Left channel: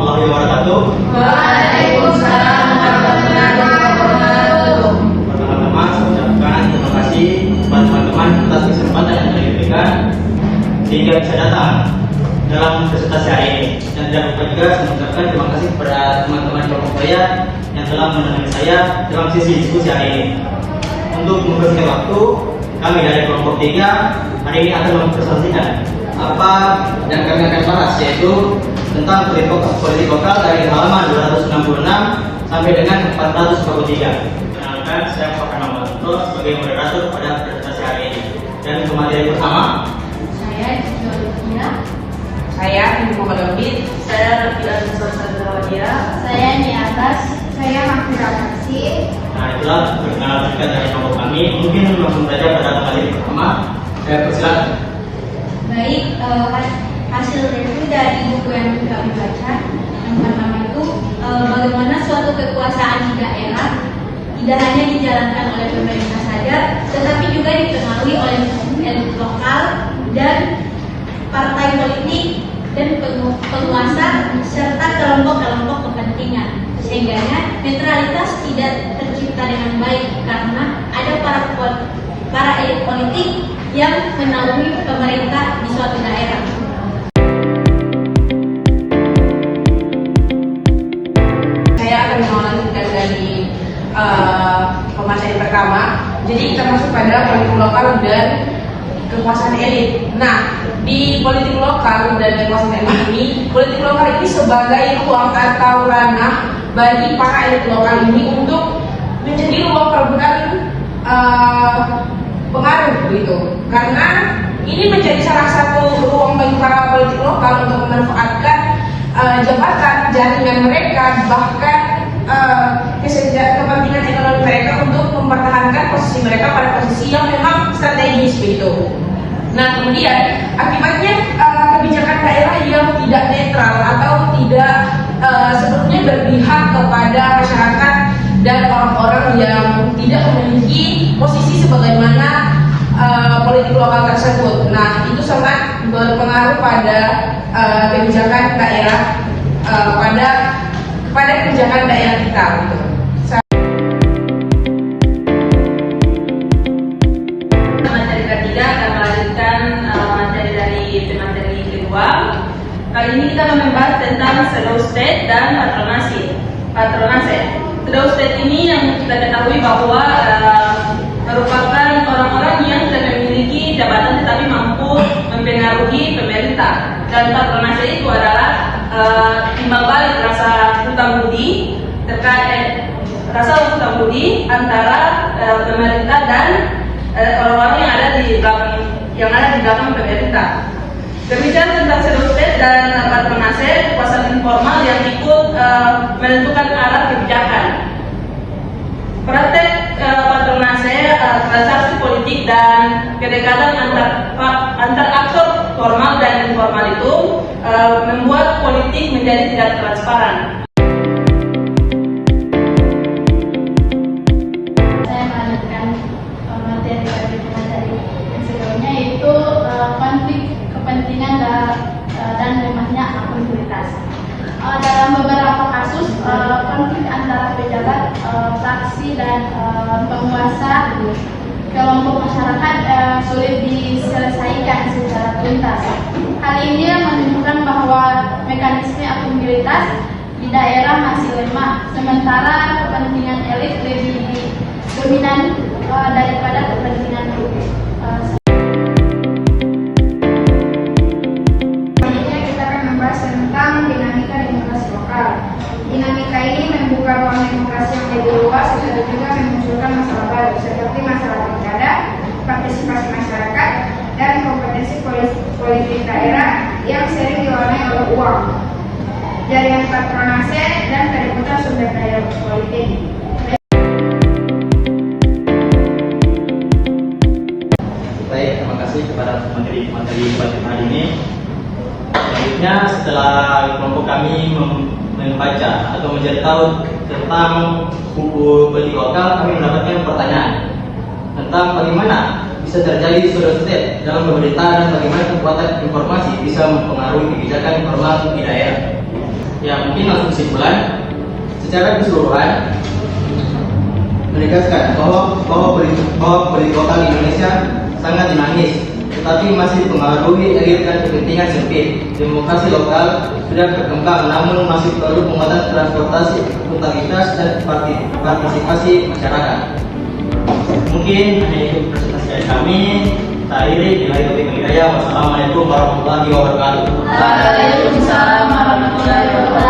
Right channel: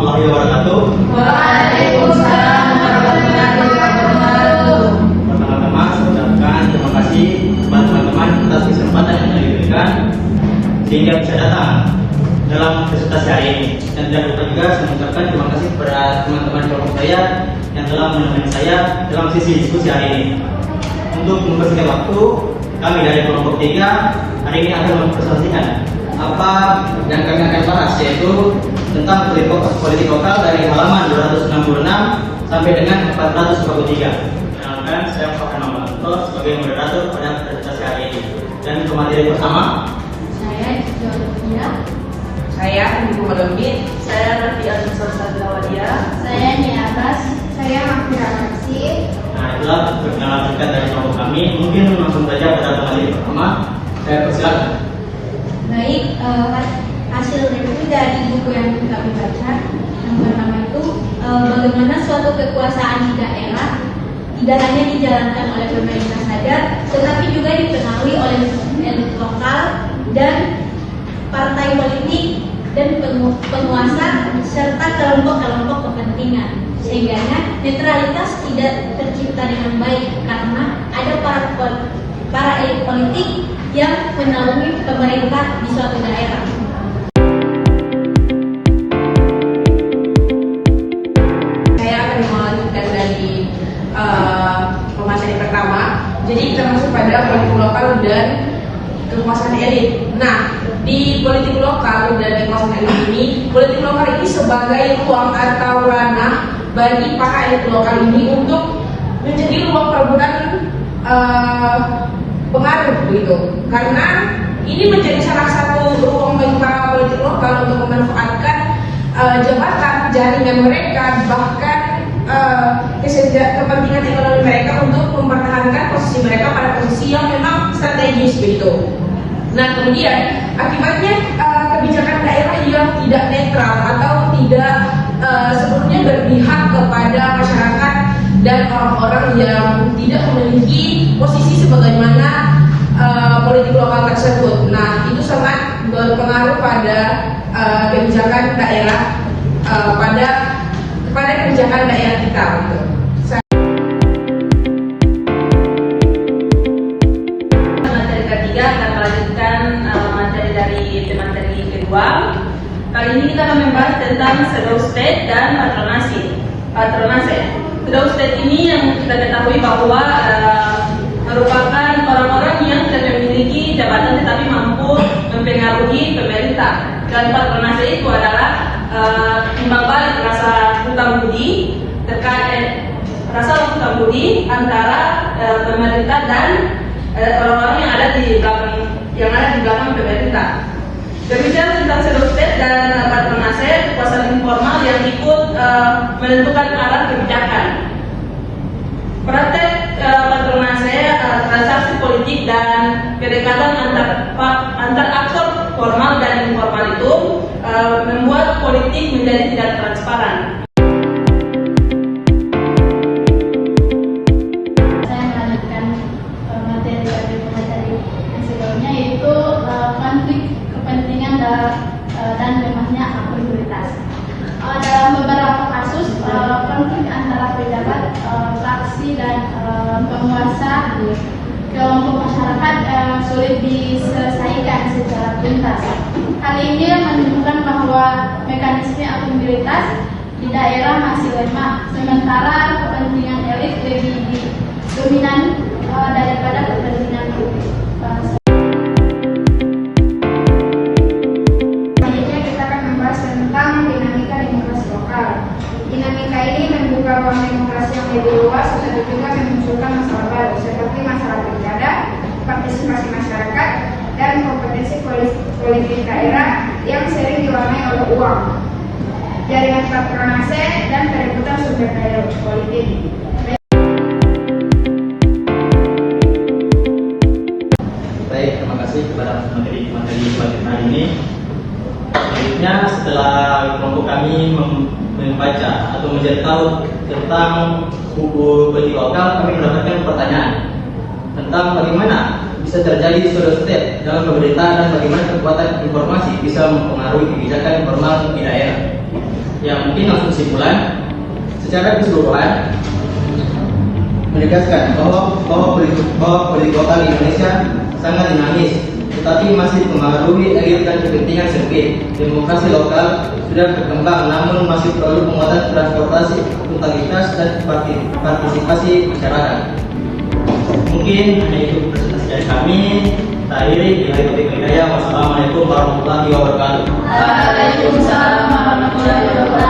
warahmatullahi wabarakatuh. Waalaikumsalam warahmatullahi wabarakatuh. Pertama-tama saya ucapkan terima kasih kepada teman-teman atas kesempatan yang telah diberikan sehingga bisa datang dalam presentasi hari ini. Dan tidak lupa juga saya mengucapkan terima kasih kepada teman-teman kelompok saya yang telah menemani saya dalam sesi diskusi hari ini. Untuk mempersingkat waktu, kami dari kelompok 3 hari ini akan mempresentasikan apa yang kami akan bahas, yaitu tentang politik lokal dari halaman 266 sampai dengan 443. Kenalkan, saya Pak Nama sebagai moderator pada presentasi hari ini. Dan pemateri bersama Saya Jodohia. Saya Ibu Malambit. Saya Rafia Nusantara. Saya Niatas. Saya Mahfira Kasih. Nah, itulah perkenalan singkat dari kelompok kami. Mungkin langsung saja pada pemateri pertama. Saya persilakan. Baik, hasil review dari buku yang kami baca. Yang pertama itu bagaimana suatu kekuasaan di daerah tidak hanya dijalankan oleh pemerintah saja, tetapi juga dipengaruhi oleh elit lokal dan partai politik dan penguasa serta kelompok-kelompok kepentingan, sehingga netralitas tidak tercipta dengan baik karena ada para elit politik yang menaungi pemerintah di suatu daerah. Saya akan melanjutkan dari pemateri pertama. Jadi termasuk pada politik lokal dan kekuasaan elit. Nah, di politik lokal dan kekuasaan elit ini, politik lokal ini sebagai ruang atau ranah bagi para elit lokal ini untuk menjadi ruang perebutan pengaruh gitu. Karena ini menjadi salah satu ruang bagi para politik lokal untuk memanfaatkan jabatan, jaringan mereka, bahkan kepentingan ekonomi mereka untuk mempertahankan posisi mereka pada posisi yang memang strategis gitu. Nah, kemudian akibatnya kebijakan daerah yang tidak netral atau tidak sepertinya berpihak kepada masyarakat dan orang-orang yang tidak memiliki posisi sebagaimana politik lokal tersebut. Nah, itu sangat berpengaruh pada kebijakan daerah pada kebijakan daerah kita. Gitu. Materi ketiga akan melanjutkan materi dari materi kedua. Kali ini kita akan membahas tentang pseudo state dan patronase. Pseudo state ini yang kita ketahui bahwa merupakan orang-orang yang tidak memiliki jabatan tetapi mampu mempengaruhi pemerintah. Dan patronase itu adalah timbal balik rasa hutang budi terkait rasa hutang budi antara pemerintah dan orang-orang yang ada di belakang pemerintah. Berbicara tentang pseudo state dan patronase, kekuasaan informal yang ikut menentukan arah kebijakan. Praktek patronase, transaksi politik dan kedekatan antar aktor formal dan informal itu membuat politik menjadi tidak transparan. Saya melanjutkan materi dari pemateri yang sebelumnya, yaitu konflik kepentingan dan lemahnya akuntabilitas. Dalam beberapa kasus, konflik antara pejabat, fraksi dan penguasa kelompok masyarakat sulit diselesaikan secara tuntas. Hal ini menunjukkan bahwa mekanisme akuntabilitas di daerah masih lemah, sementara kepentingan elit lebih dominan daripada kepentingan publik. Selanjutnya kita akan membahas tentang dinamika demokrasi lokal. Dinamika ini membuka ruang demokrasi yang lebih luas, tetapi juga memunculkan masalah baru seperti masalah pilkada, partisipasi masyarakat, dan kompetensi politik daerah yang sering diwarnai oleh uang, jaringan patronase, dan perebutan sumber daya politik. Baik, terima kasih kepada materi hari ini. Selanjutnya, setelah kelompok kami membaca atau mencari tahu tentang buku politik lokal, kami mendapatkan pertanyaan tentang bagaimana bisa terjadi pseudo state dalam pemerintahan dan bagaimana kekuatan informasi bisa mempengaruhi kebijakan informal di daerah. Ya mungkin langsung kesimpulan. Secara keseluruhan menegaskan bahwa politik lokal Indonesia sangat dinamis, tetapi masih dipengaruhi aliran kepentingan sempit. Demokrasi lokal sudah berkembang, namun masih perlu penguatan transportasi, akuntabilitas dan partisipasi masyarakat. Mungkin hanya itu presentasi dari kami. Akhiri, Wassalamualaikum warahmatullahi wabarakatuh. Waalaikumsalam warahmatullahi wabarakatuh.